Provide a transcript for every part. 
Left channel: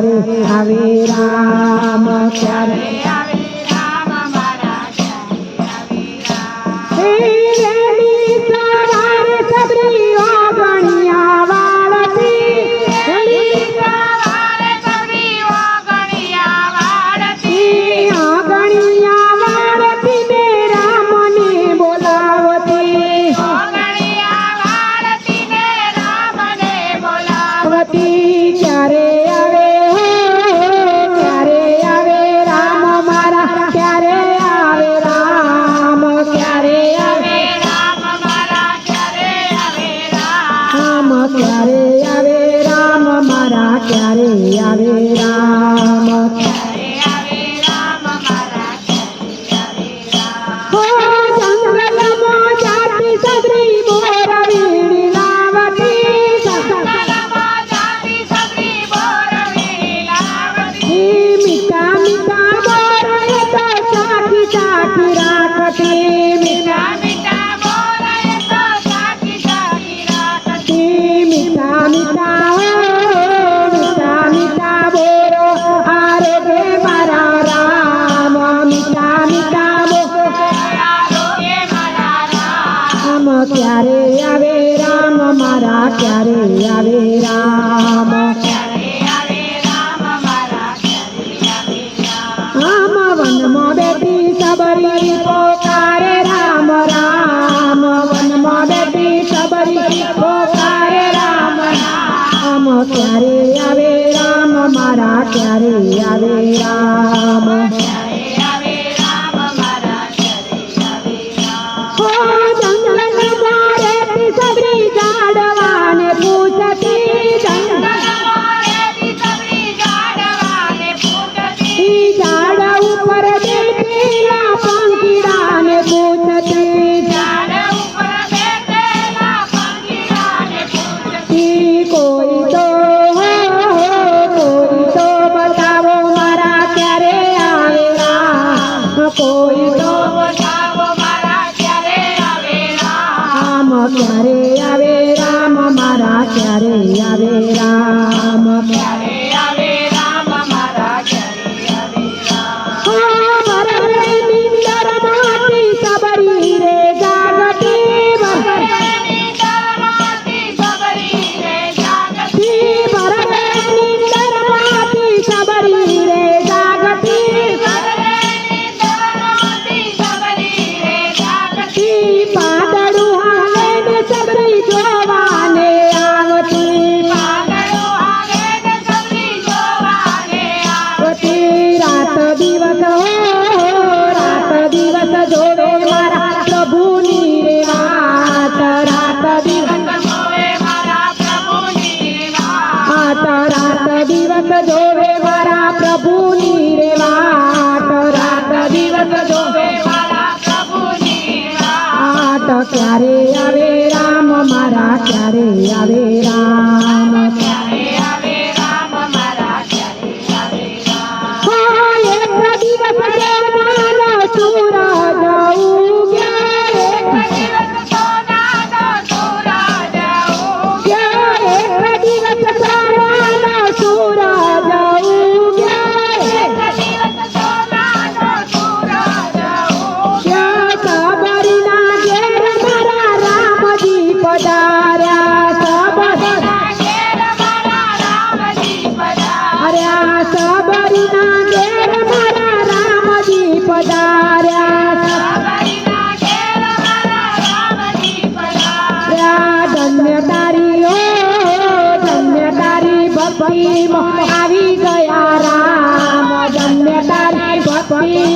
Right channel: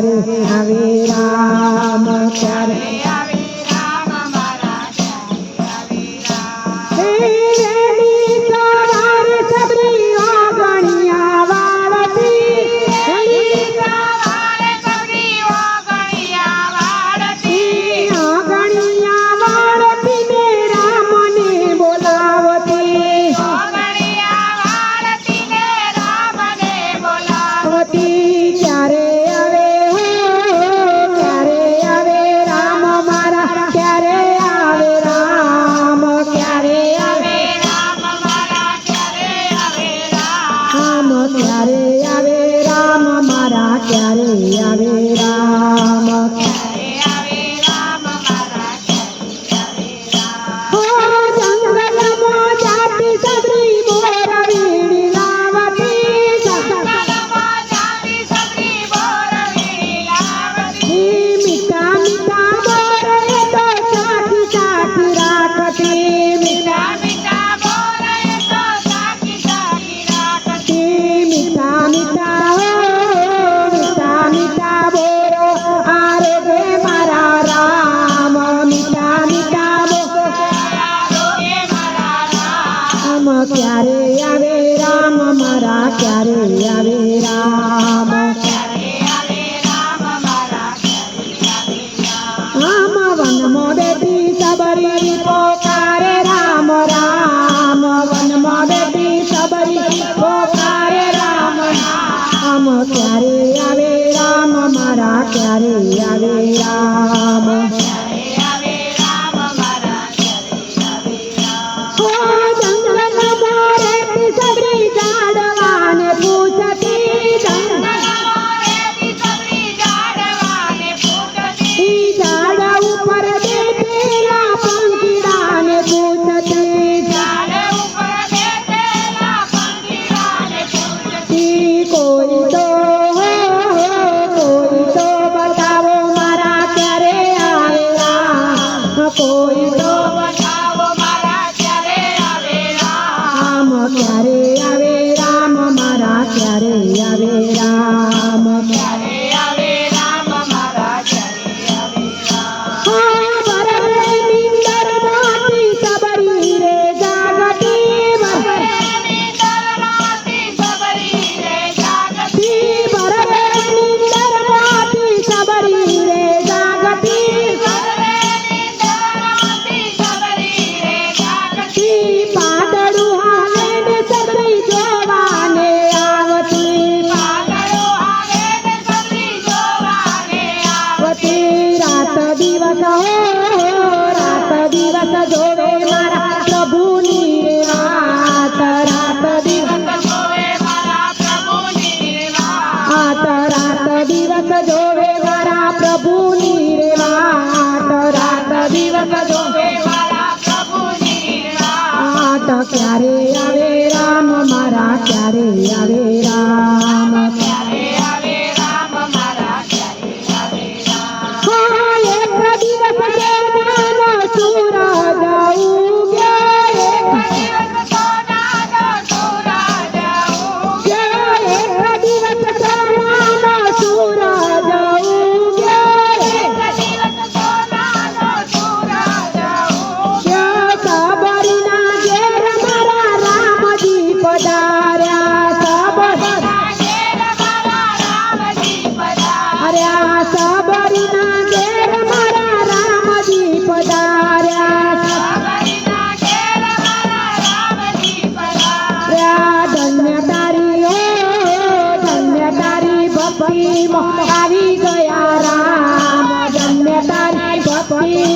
Hare Hare Ram pra bonita.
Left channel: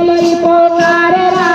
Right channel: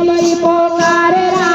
చెల్లిపోకారరా